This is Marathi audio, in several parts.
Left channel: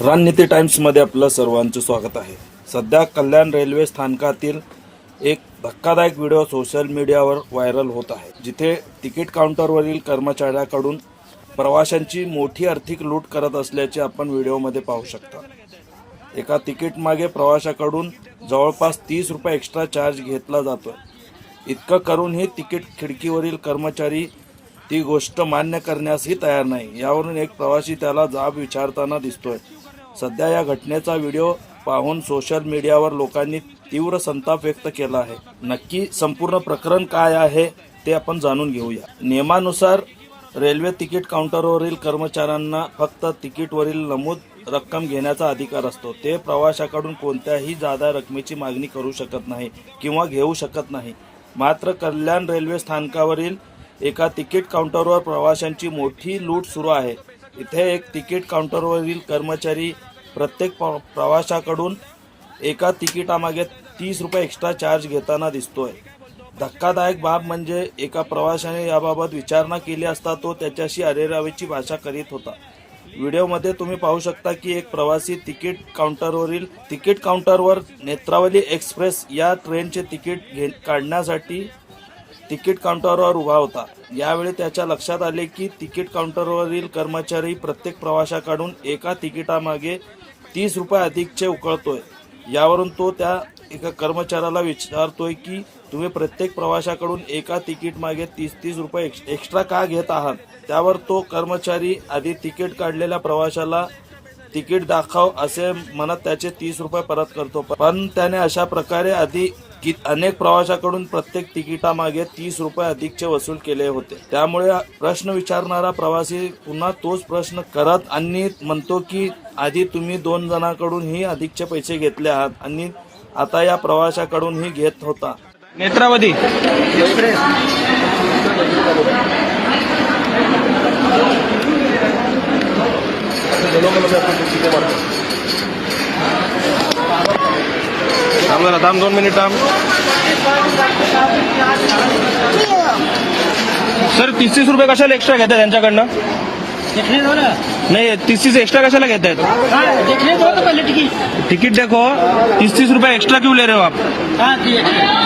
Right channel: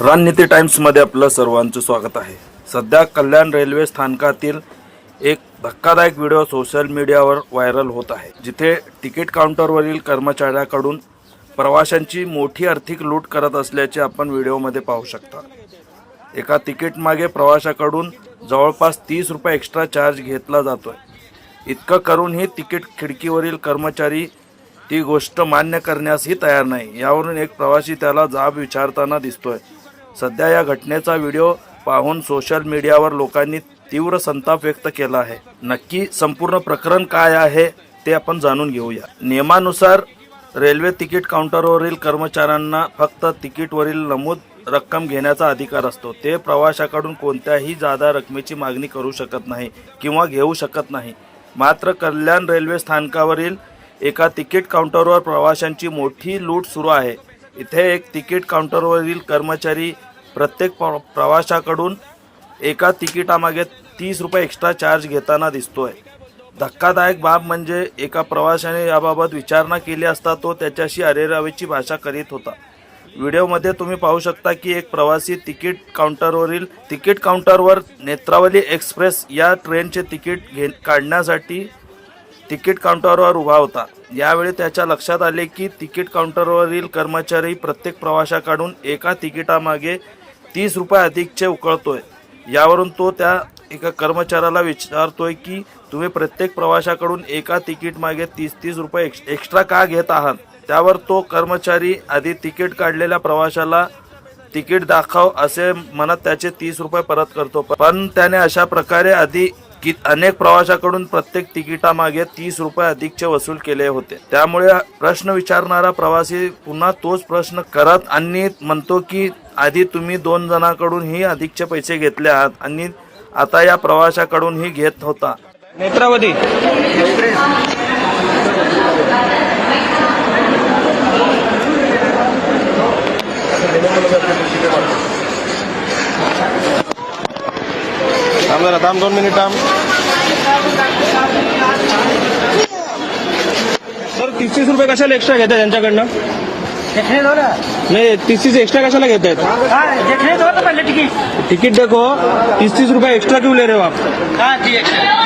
रणनीती टाइम्समध्ये आपलं सर्वांचं स्वागत आहे। सध्या कल्याण रेल्वे स्थानकातील एक धक्कादायक व्हिडिओ सोशल मीडियावर व्हायरल होत आहे, जिथे तिकीट काउंटरवरील कर्मचाऱ्याकडून प्रवाशांची मोठी आर्थिक लूट करत असल्याचे आपण व्हिडिओमध्ये पाहू शकता। एका तिकीट मागे प्रवाशाकडून जवळपास 30 रुपये एक्स्ट्रा चार्ज घेतला जातोय। इतकं करूनही तिकीट खिडकीवरील कर्मचारी ती गोष्ट मान्य करण्यासही तयार नाही। यावरून एक प्रवासी त्याला जाब विचारताना दिसतोय। सध्या या घटनेचा व्हिडिओ पाहून सोशल मीडियावर लोकांनी तीव्र संताप व्यक्त केला आहे। नक्की संपूर्ण प्रकरण काय आहे ते आपण जाणून घेऊया। नियमानुसार रेल्वे तिकीट काउंटरवरील कर्मचाऱ्यांना फक्त तिकीटवरील नमूद रक्कम घेण्याचा अधिकार असतो। ते प्रवाशाकडून कोणत्याही जादा रकमेची मागणी करू शकत नाही किंवा घेऊ शकत नाही। मात्र कल्याण रेल्वे स्थानकावरील एका तिकीट काउंटरवर प्रवाशांची मोठी लूट सुरू आहे। इथे एक तिकीट काउंटरवरील कर्मचारी प्रत्येक प्रवाशाकडून एका तिकिटामागे 30 रुपये एक्स्ट्रा चार्ज घेताना दिसतोय। धक्कादायक बाब म्हणजे एका प्रवाशाने याबाबत विचारणा केली असता तो त्याच्याशी अरेरावीची भाषा करीत होता। व्हिडिओमध्ये तुम्ही पाहू शकता की एक प्रवासी तिकीट काउंटरवर नेत्रावली एक्सप्रेस या ट्रेनचे तिकीट काढण्यासाठी तिकीट काउंटरवर उभा होता। यावेळी त्याच्या लक्षात आले की तिकीट काउंटरवरील कर्मचारी प्रत्येक प्रवाशाकडून एका तिकिटामागे 30 रुपये अधिकचे उकळतोय। यावरून तो त्या एका कर्मचाऱ्याला विचारतोय की तुम्ही प्रत्येक प्रवाशाकडून एका तिकीट मागे 30 रुपये एक्स्ट्रा का घेत आहात। त्यावर तो कर्मचारी आधी तिकीट काढलेल्या प्रवाशाला तिकीट दाखव असे म्हणत त्याचे 30 रुपये परत करतो, पण त्याने अशा प्रकारे आधी अनेक प्रवाशाकडून प्रत्येक तिकिटामागे 30 रुपये अधिकचे वसूल केले होते। त्यामुळे प्रश्न विचारणारा प्रवासी पुन्हा तोच प्रश्न करत आणि म्हणतो की आधी तुम्ही 2 जणांकडूनही अधिकचे पैसे घेतले आहात आणि आता या प्रवाशाकडूनही घेत होता। नेत्रावती थांब 2 मिनिट थांब सर। 30 रुपये कशाला एक्स्ट्रा घेतात यांच्याकडनं? नहीं 30 एक्स्ट्रा कशाला घेत आहेत? टिकट देखो 30 रुपये एक्स्ट्रा क्यों ले रहे हो आप?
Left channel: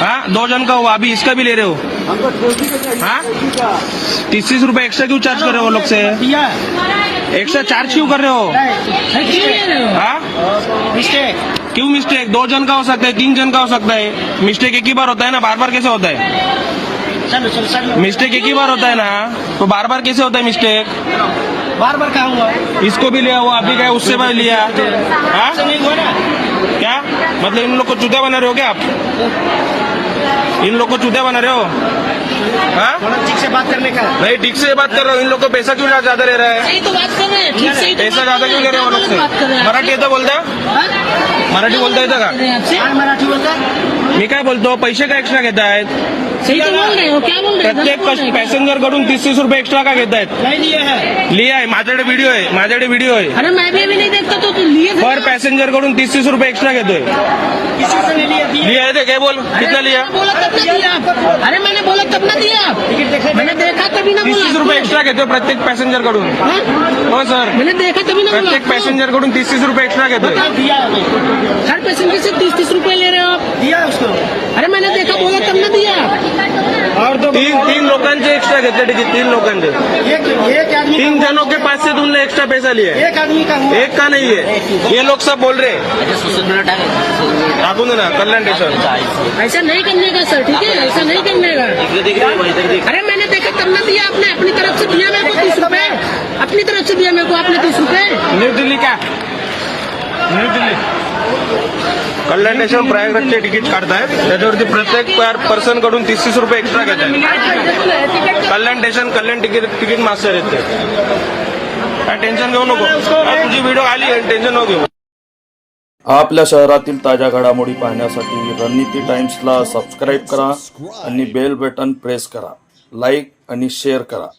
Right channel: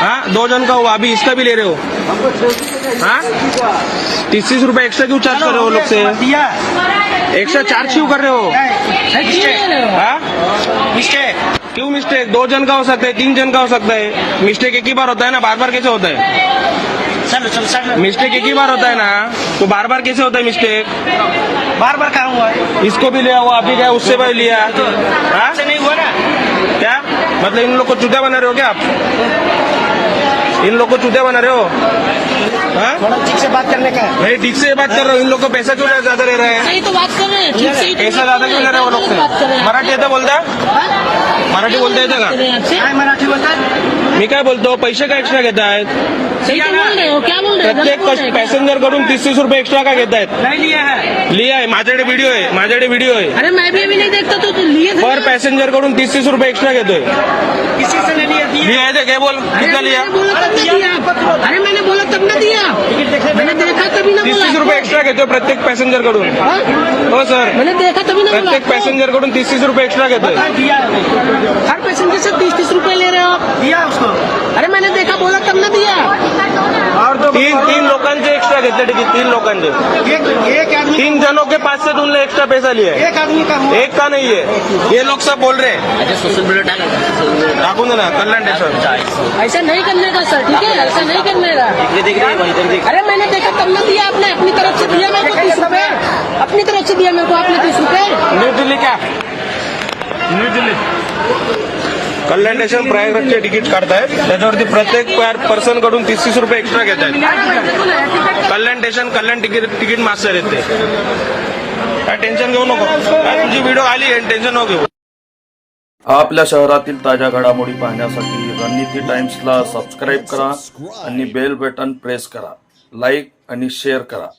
हाँ 2 जन का हुआ, अभी इसका भी ले रहे हो। हाँ 30 रुपये एक्स्ट्रा क्यों चार्ज कर रहे हो लोग से? एक्स्ट्रा चार्ज क्यों कर रहे हो? हाँ क्यों मिस्टेक? 2 जन का हो सकता है, 3 जन का हो सकता है। मिस्टेक एक ही बार होता है ना, बार बार कैसे होता है? मिस्टेक एक ही बार होता है ना, तो बार बार कैसे होता है मिस्टेक? बार बार कहा हुआ है? इसको भी लिया हुआ, अभी क्या उससे भी लिया है? तो ऐसे नहीं हुआ ना। क्या मतलब इन लोग को चूतिया बना रहे हो क्या आप? इन लोग को चूतिया बना रहे हो? हाँ ठीक से बात करने का नहीं, ठीक से बात कर रहा हूँ। इन लोग को पैसा क्यों ज्यादा ले रहा है? सही तो बात कर रहे हैं, ठीक से पैसा ज्यादा क्यों ले रहा है वो लोग से? मराठी येतं बोलता? मराठी बोलता येतं का? काय मराठी बोलतात? मी काय बोलतो, पैसे का एक्स्ट्रा घेत आहेत? सही तो बोल रहे हो, क्या बोल रहे हो? प्रत्येक पॅसेंजर कडून 30 रुपये एक्स्ट्रा का घेत आहेत? नहीं लिया है। लिया है, माझ्याकडे व्हिडिओ आहे। अरे मैं भी नहीं देखता तो तुम लिए थे। पर पॅसेंजर कडून 30 रुपये एक्स्ट्रा घेतोय। किसी से नहीं लिया? लिया है ते काय बोल, कितना लिया? मैंने बोला तब दिया। अरे मैंने बोला तब ना दिया। टिकट देखने मैंने देखा तभी ना 30 रुपये एक्स्ट्रा घेतोय प्रत्येक पॅसेंजर कडून। हो सर, मैंने देखा तभी ना बोला। प्रत्येक पॅसेंजर कडून 30 रुपये एक्स्ट्रा घेतोय। दिया है। हर पैसेंजर से 30 रुपए ले रहे हो आप? दिया उसको। अरे मैंने देखा, बोला तब ना दिया। और तो तीन लोकांचे एक्स्ट्रा घेतले टिकट, 3 लोकांचे। एक आदमी 3 जनों के पास से तुमने एक्स्ट्रा पैसा लिया है, एक आदमी का हुआ। एक का नहीं है। ये लोग सब बोल रहे हैं। आपको ना कल्याण स्टेशन ऐसा नहीं करने का सर, ठीक है? ऐसा नहीं करने का। अरे मैंने देखा तब ना दिया आपने, अपनी तरफ से दिया मेरे को 30 रुपए। अपनी तरफ से दिया मेरे को आपने 30 रुपए। न्यू दिल्ली क्या? न्यू दिल्ली कल्याण स्टेशन प्रयागराजचे तिकीट काढतायत, त्याच्यावरती प्रत्येक पर्सन कडून 30 रुपये एक्स्ट्रा घेत आहेत। कल्याण स्टेशन कल्याण तिकीट मास्टर आहेत ते। काय टेन्शन घेऊ नको, तुझी व्हिडिओ आली आहे, टेन्शन नको घेऊ। आपल्या शहरातील ताज्या घडामोडी पाहण्यासाठी रणनीती टाइम्सला सबस्क्राईब करा आणि बेल बटन प्रेस करा, लाईक आणि शेअर करा।